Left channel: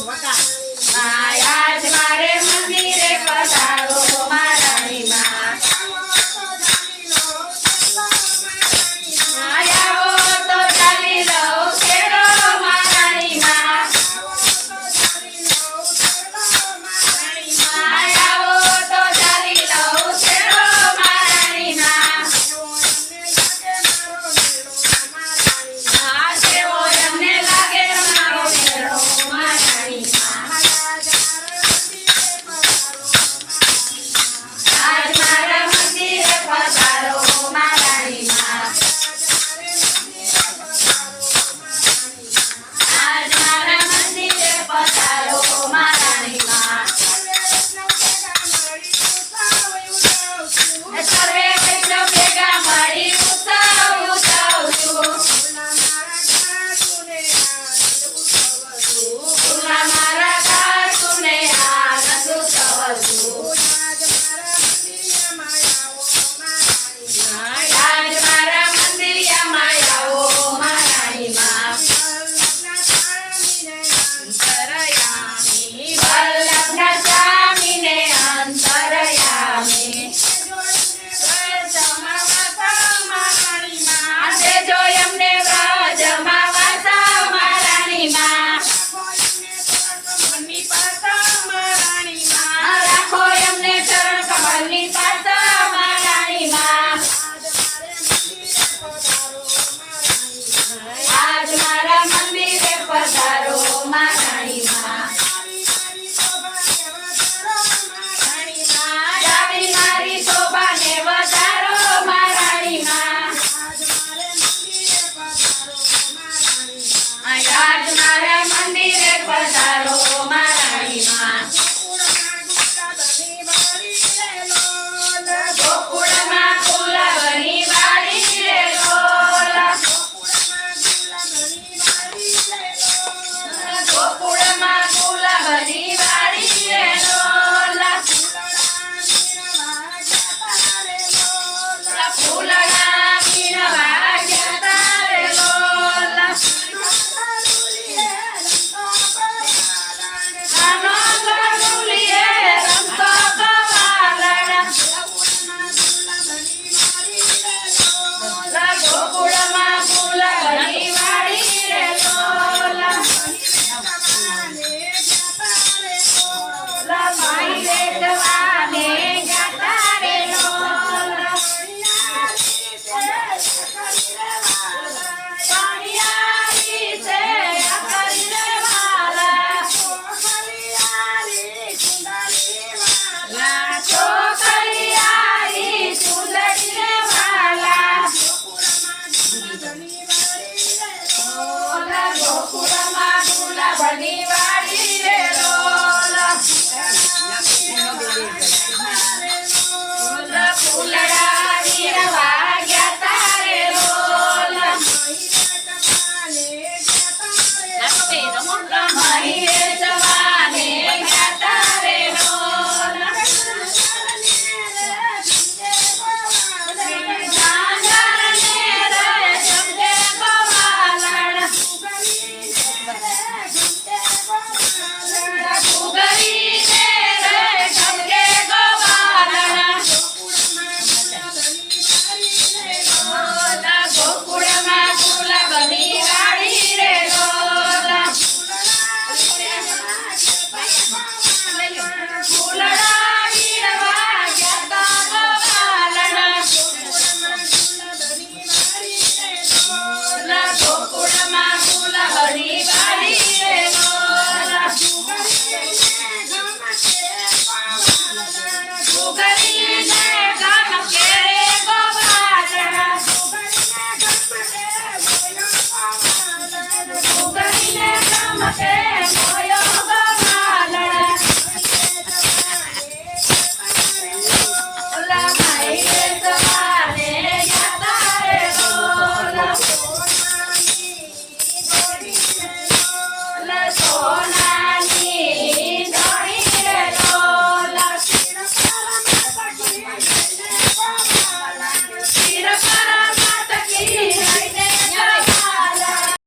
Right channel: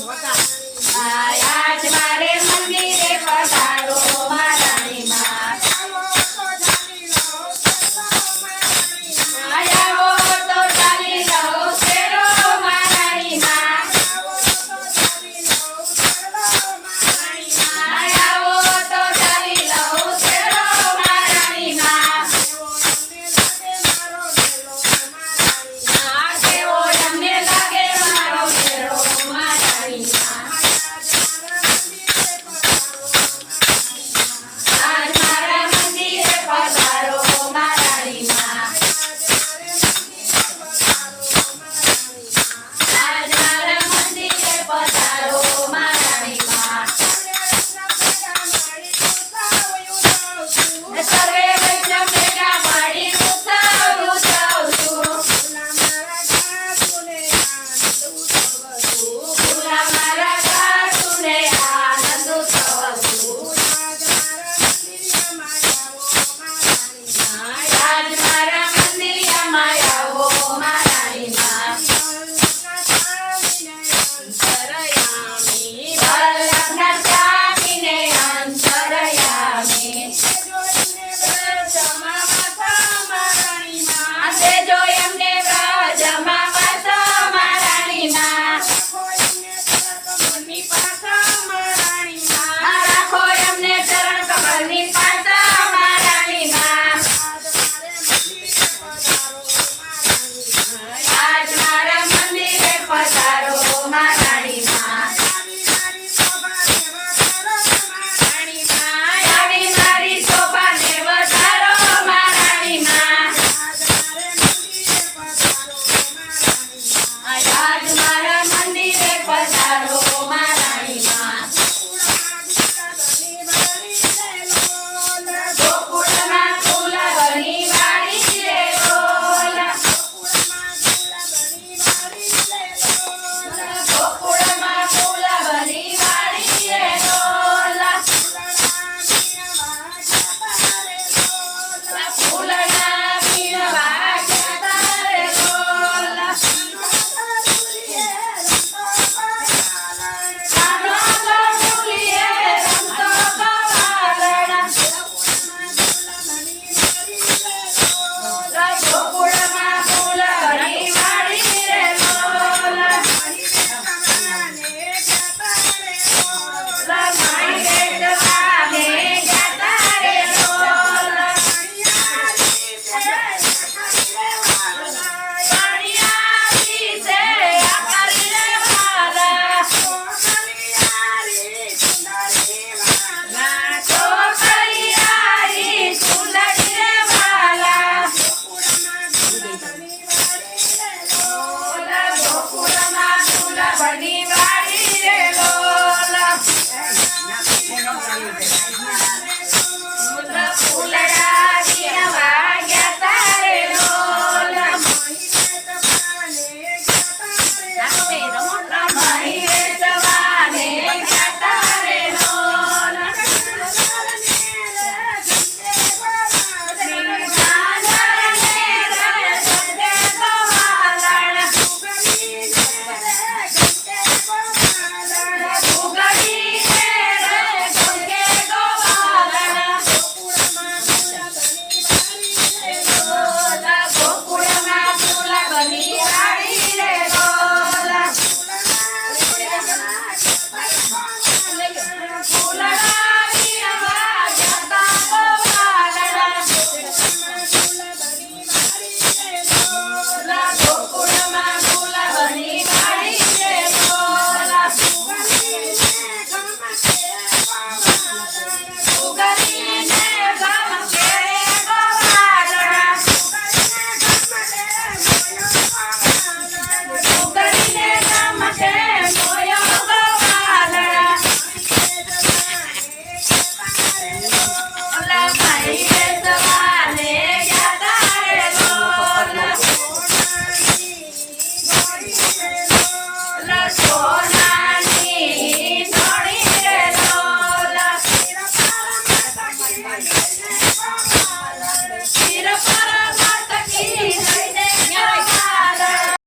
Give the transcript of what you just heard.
我的。妈呀。